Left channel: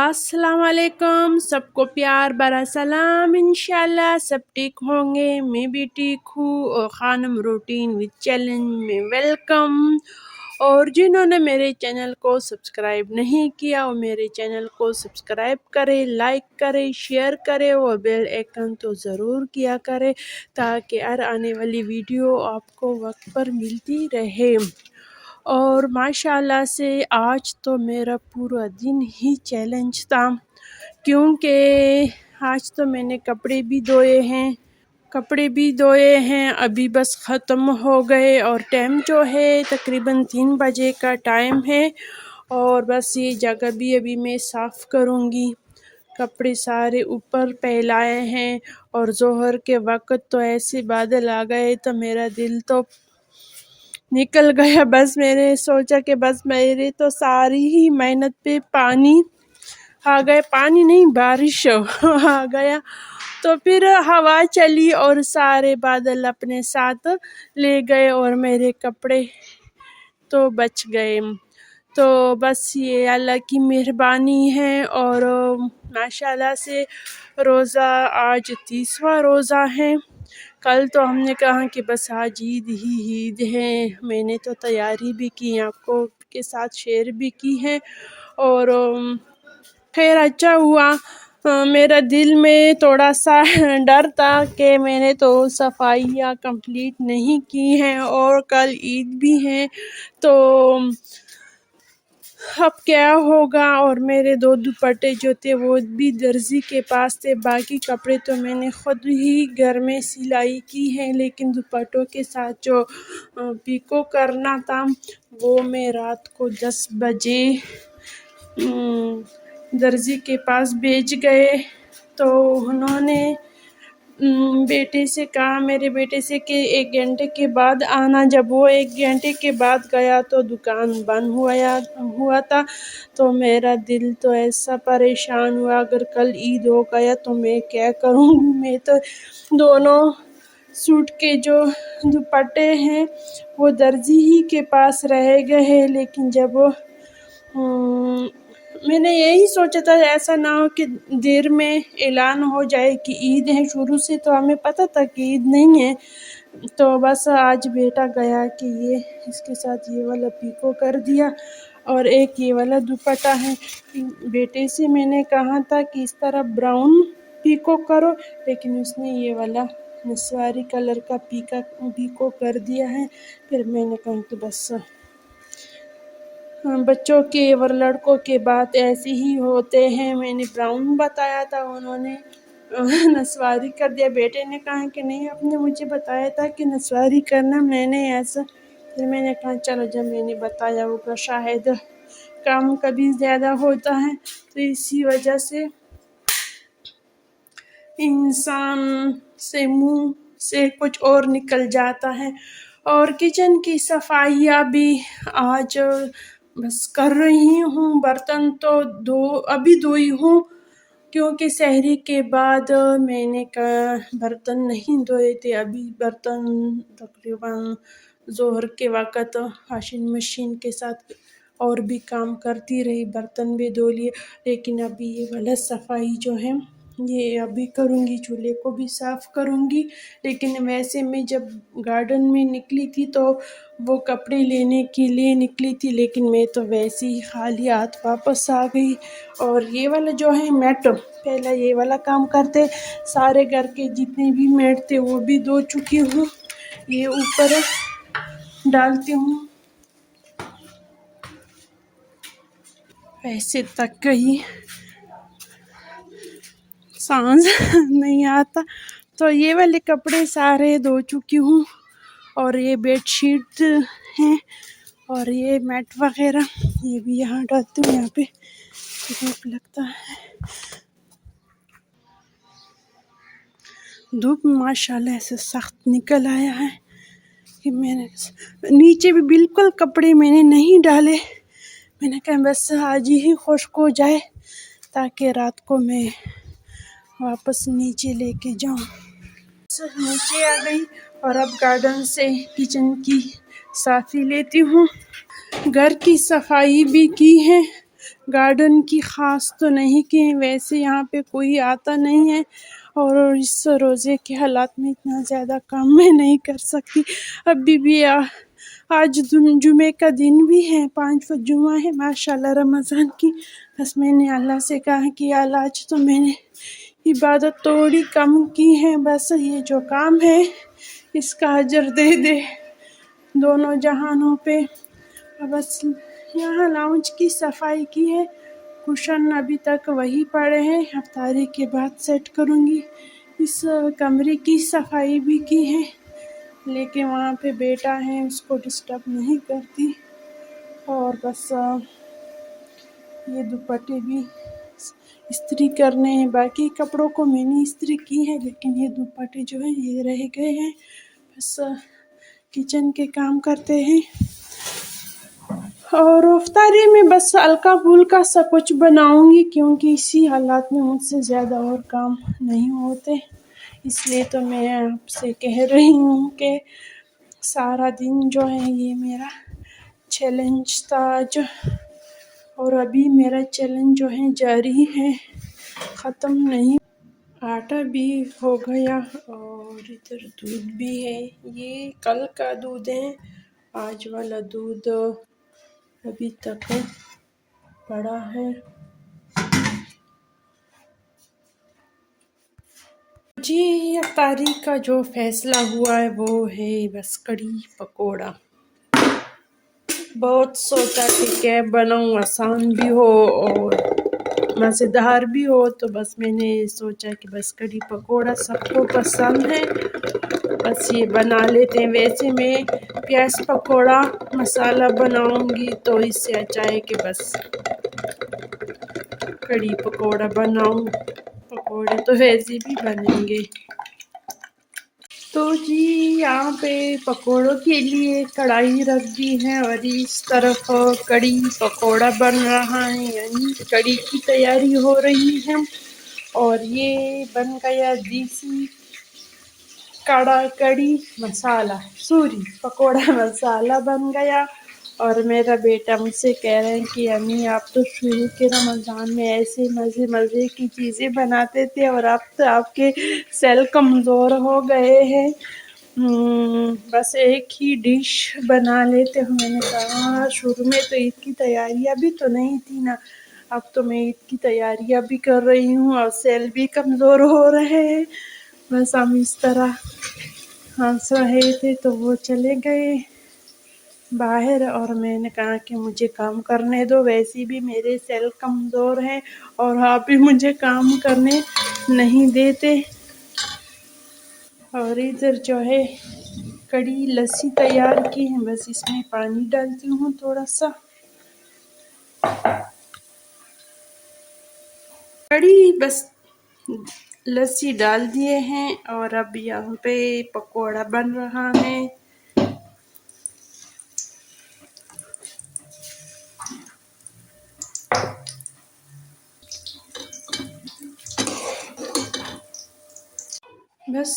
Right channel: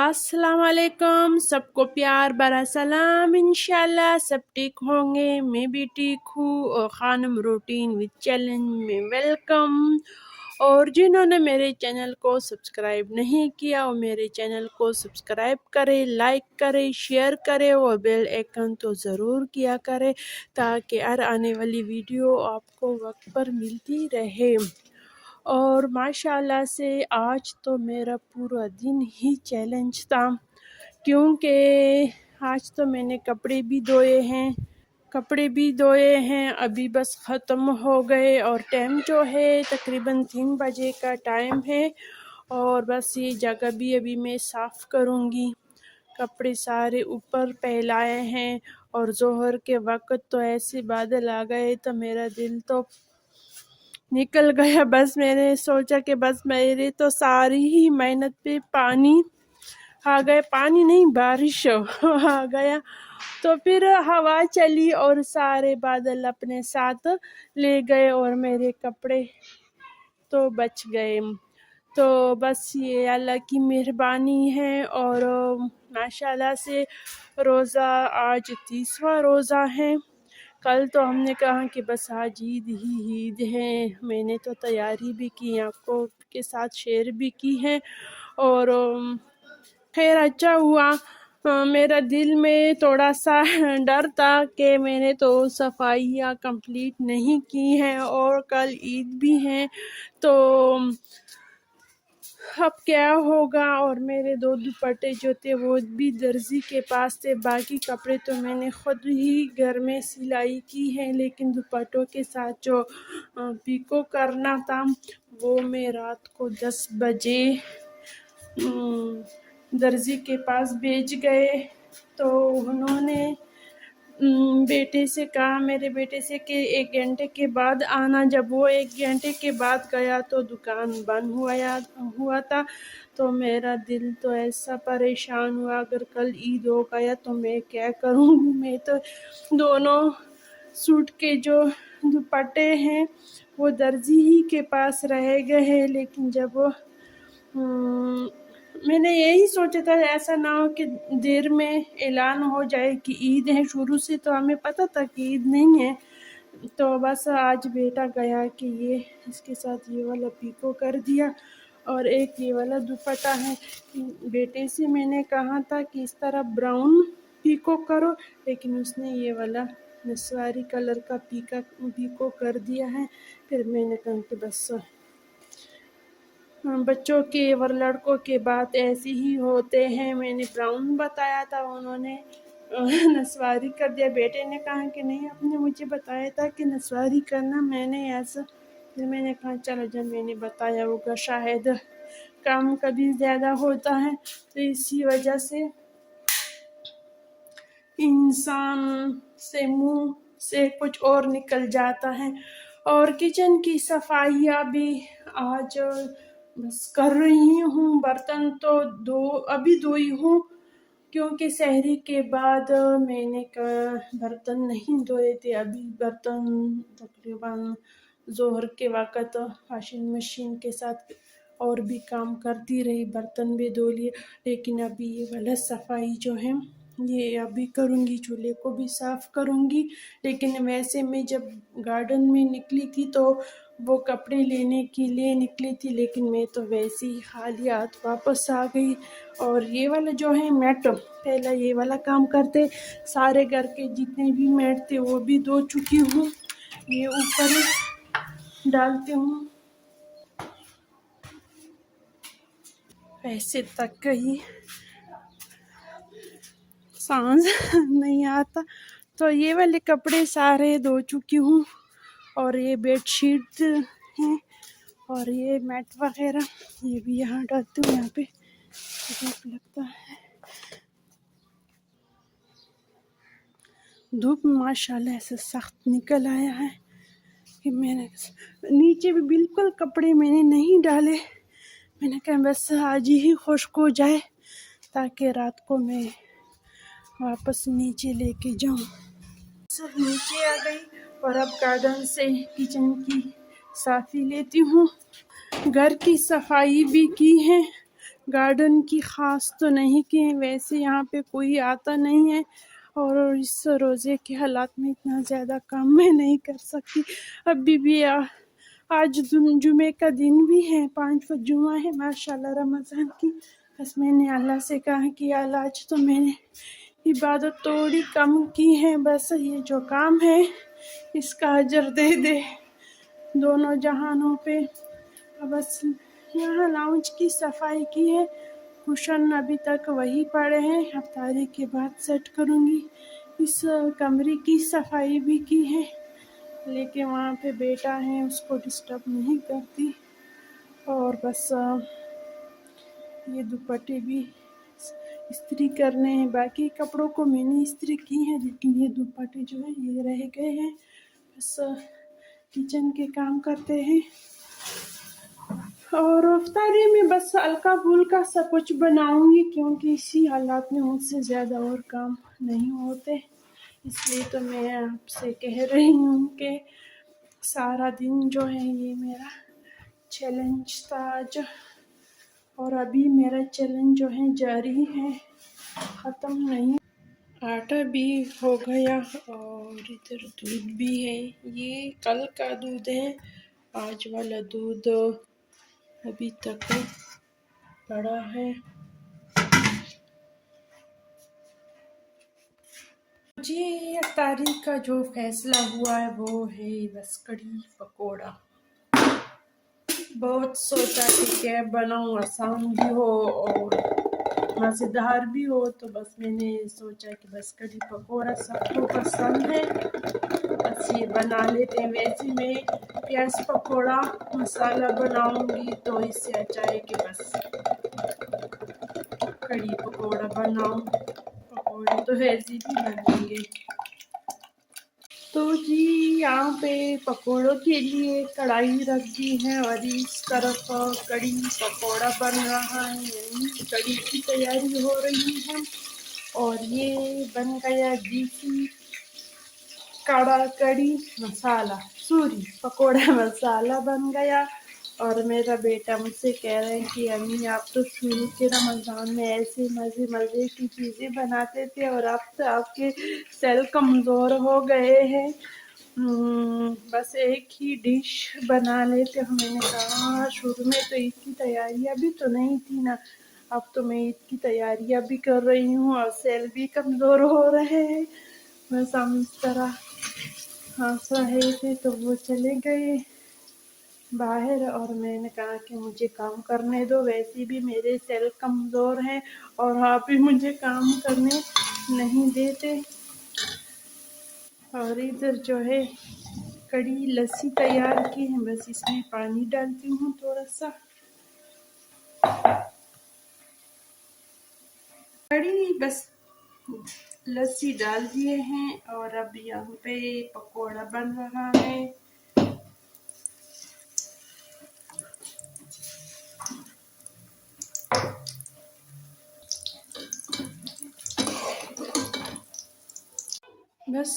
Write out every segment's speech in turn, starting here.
अस्सलाम वालेकुम, सबको प्यार भरा सलाम। इंशाल्लाह सब ठीक होंगे, मैं भी ठीक हूँ। और खानम रूटीन विद चैलेंज में वेलकम। और जिन्होंने मेरे चैनल को सब्सक्राइब नहीं किया वो मेरे चैनल को सब्सक्राइब करें, लाइक करें, शेयर करें और बेल आइकन तो ज़रूर किया करें ताकि हर आने वाली वीडियो आपको वक्त पर मिलती रहे। और माशाल्लाह से आज तो मेरा पूरा दिन ही चैलेंज था, क्योंकि आज तो मैंने कपड़े भी धोए हैं, अभी बस ख़त्म हो गए। और टाइम जो है तकरीबन 3 बजे का टाइम है। और बस ये जगह भी अभी मैं साफ़ करूँगी। कपड़े सारे ऊपर फैलाए हैं और ज़ोहर के वक़्त तो ऐसे बादल आ गए तो मेरा दिल तो निकल गया। बस मैंने सोचा कि बस मेरे तो सारी ही मेहनत पे पानी आ गया, पानी नहीं बारिश आ गया। तो फिर हवा चली और सारे बादल अपने साथ ले गए और मेरे कपड़े तो बच गए। तो बस ये अल्लाह की मेहरबानी है। और माशाल्लाह से रोज़ा आज 30वां रोज़ा है। कल तो हमने कहा कि बस आज ईद है। मैंने तो तैयारी भी की, आपको के साथ शेयर भी की है। और खैर अच्छा हुआ। मेरा दिल में थोड़ा सा डर था कि मैंने तो सफाइयाँ कंप्लीट नहीं की हैं और कल ईद भी है तो अब क्या होगा। और मेरे 2 दुपट्टे जो थे वो भी दर्जी के पास थे, बाकी कपड़े तो मैंने ख़ुद ही घर में सिलाई की है। लेकिन दुपट्टों के साथ जो पिको करना था वो मैं रात को 10 बजे दर्जी के पास भेज गए। तो उन्होंने बेटे से कहा, मेरे बेटे से कि 1 घंटे के बाद आना। जब वो 1 घंटे के बाद गया तो दुकान बंद हुआ था। तो मेरा दिल तो ऐसा परेशान हुआ, अगर कल ईद हो गया तो मैं क्या करूँगी। मैं तो दोनों सूट के जो दुपट्टे हैं वो दर्जी ही के पास रह गए हैं। लेकिन जब मैंने यही सोचा था ऐसा ना हो कि देर में ऐलान हो जाए कि ईद है। शुरू से तो हमें पता था कि ईद नहीं है। तो बस आज बेटा गया कि ये इसके साथ ये वाला पिको कर दिया और एक ये वाला दुपट्टा है। बेटे से मैंने कहा था कि इस तरह ब्राउन पिको करो, लेकिन उसने ये वाला नस्वारी कलर का पिको कर दिया है। फिर मैंने कहा कि बस बच्चों के और लड़कों के बात ऐसे ही होते हैं। मैंने ब्राउन बताया था, उन्होंने नस्वारी कर दिया। बेटे ने कहा कि नहीं, आपने मुझे बताया था कि नस्वारी करना, मैंने ऐसा। फिर मैंने कहा चलो, जब मैंने बताया होगा शायद काम कभी ज़्यादा होता है तो इसी वजह से इंसान से मुंह से कुछ और निकल जाता है। और किचन की सफाइयाँ भी आज बस कर रही हूँ। बर्तन तो अभी धोई हूँ, क्योंकि सहरी के बाद मैंने बर्तन नहीं धोए थे। अभी बर्तन तकरीबन ज़ोहर के वक़्त वॉशिंग मशीन के साथ और भी काम करती रही, बर्तन भी धो लिए। लेकिन अभी ये वाला सफाई जो है ये अभी करूँगी, चूल्हे को भी साफ़ करूँगी। लेकिन वैसे मैं जब गार्डन में निकली थी तो वो कपड़े लेने के लिए निकली थी, लेकिन मैं तो वैसे ही खाली हाथ वापस आ गई। और ये वाला जो है मैट, पहला ये वाला काम करते, सारे घर के जितने भी मैट थे वो भी धो चुकी हूँ। ये ऊपर डालती हूँ, ऐसे तक कहीं सांस नहीं आता। तो ये वाले कपड़े सारे धो चुकी हूँ। और ये बेडशीट हैं और ये मैट वगैरह ये भी यहाँ डालती हूँ। यहाँ पे धूप लगता है, धूप माशाल्लाह ऐसे सख्त निकल आया है कि मैंने नीचे भी बिल्कुल कपड़े मैंने नहीं डाले। मैंने कहा बस आज ही खुश्क हो जाए ताकि रात को मैं वापस नीचे लेके जाऊँ। नीचे आ गई और अब गार्डन से किचन की साफ़ी लेती हूँ। घर की सफाई भी की है, گارڈن کی خاص تو نہیں کہ ویسے یہاں پہ کوئی آتا نہیں ہے، اور اس روزے کے حالات میں اتنا زیادہ کام میں نہیں کر سکتی۔ ابھی بھی آج جمعے کا دن بھی ہے، 5 جمعہ ہے ماشاءاللہ رمضان کی۔ بس میں نے اللہ سے کہا کہ اللہ آج تو میں نے عبادت تھوڑی کم کی ہے، بس یہ جو کام ہے اس کا اجر دے دے دونوں جہانوں پہ۔ بس یہاں لاؤنج کی صفائی کی ہے، کشن ابھی تک وہی پڑے ہیں، افطاری کے بعد سیٹ کروں گی۔ اس کمرے کی صفائی بھی کی ہے، لیکن وہاں پہ بیٹا ہے اس کو ڈسٹرب نہیں کرتی۔ اور بس یہ دوپٹے بھی استری کرنے ہیں، باقی کپڑوں کو میں نے استری کی ہے، لیکن یہ دوپٹے جو ہیں یہ رہ گئے ہیں۔ بس کچن کے کام کرتے ہیں، اور افطاری میں بس ہلکا پھلکا سا کچھ بناؤں گی، کیونکہ اسی حالات میں مجھ سے زیادہ اور کام نہیں ہوتے۔ اس لیے تو میں آپ سے کہہ رہی ہوں کہ سارا دن جو ہے یہ میرا چیلنج تھا آج، اور ابھی میرا چیلنج جو ہے جاری ہے، ختم نہیں۔ آٹا بھی ہو گیا اور ادھر دودھ بھی ہے، یہ کل کا دودھ ہے، آج والا دودھ ابھی تک پڑا ہے۔ جی افطاری کا جو فیصلہ ہوا ہے وہ ہے بس کڑی پکوڑا۔ بہت سوچا کہ کیا بناؤں، آسان بھی ہو اور مزیدار بھی ہو، تو بس میں نے سوچا کہ بس کڑی پکوڑا سب کو پسند ہے، بس یہ بنا لیتے ہیں۔ ویسے میں پیاز پکوڑا مسالہ بناؤں گی، تو اس سے اچھا ہے کہ بس کڑی پکوڑا بناؤں، پکوڑے تو ویسے بھی بنیں گے۔ تو جی یہاں پہ پکوڑوں کے لیے کڑھائی رکھ دی ہے، اور اس طرف کڑی پکوڑا بن رہا ہے، یعنی کڑی کی تیاری ہو رہی ہے۔ اور یہ بن گیا دیسی کڑی مسالہ، پکوڑا مسالہ بن گیا۔ اور میرا بیٹا مجھ سے کہہ رہے ہیں کہ امی آپ تو شروع کے رمضان میں ایسے مزے کی چیزیں بناتے تھے، اور اب تو آپ کے سیل کمزور ہو گئے ہیں، بس ایک ہی ڈش بنا لیتے ہو۔ میں نے کہا شروع میں تو عید کی تیاریاں بھی تو نہیں تھی نا، اب تو میں عید کی تیاریاں بھی کر رہی ہوں اور سیل بھی کمزور ہو رہے ہیں۔ بس ہم اس طرح ہنس رہے تھے، تو وہ چلے گئے باہر، اور میں نے کہا کہ مجھے کام کرنے دو، ویسے بھی میرے سیل کمزور ہیں اور آپ بھی مجھے کام کرنے نہیں دیتے۔ اور ادھر جو ہے کڑی لسی تیار کی ہے، بس اس میں پانی ڈالتی ہوں تھوڑا سا۔ کڑی بس لسی ڈال دیے ہیں، اور اب یہاں پہ پکوڑا بن رہا ہے۔ بس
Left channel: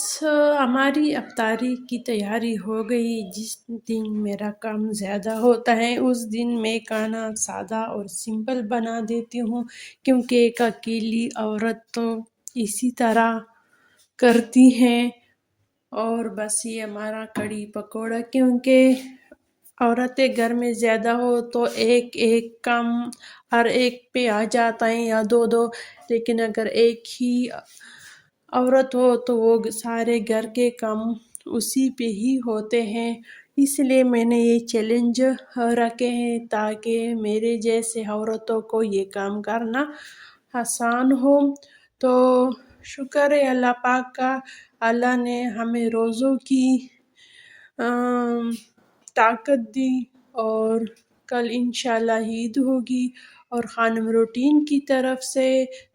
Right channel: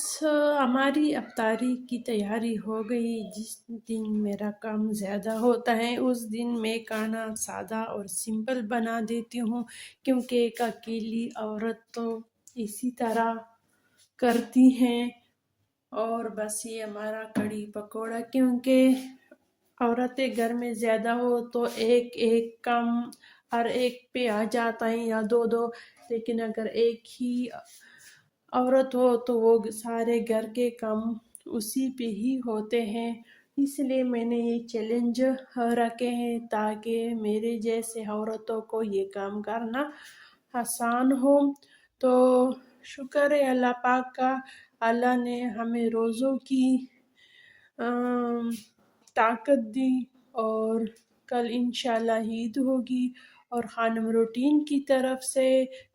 ہماری افطاری کی تیاری ہو گئی۔ جس دن میرا کام زیادہ ہوتا ہے اس دن میں کھانا سادہ اور سمپل بنا دیتی ہوں، کیونکہ ایک اکیلی عورت تو اسی طرح کرتی ہے۔ اور بس یہ ہمارا کڑی پکوڑا، کیونکہ عورتیں گھر میں زیادہ ہو تو ایک ایک کام ہر ایک پہ آ جاتا ہے، یا دو دو، لیکن اگر ایک ہی عورت ہو تو وہ سارے گھر کے کام اسی پہ ہی ہوتے ہیں۔ اس لیے میں نے یہ چیلنج رکھے ہیں، تاکہ میرے جیسے عورتوں کو یہ کام کرنا آسان ہو۔ تو شکر ہے اللہ پاک کا، اللہ نے ہمیں روزوں کی طاقت دی، اور کل انشاءاللہ عید ہوگی، اور خانم روٹین کی طرف سے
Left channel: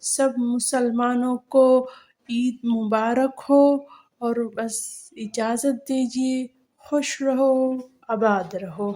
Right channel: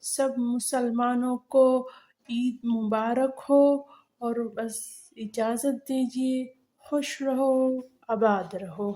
سب مسلمانوں کو عید مبارک ہو۔ اور بس اجازت دیجیے، خوش رہو، آباد رہو۔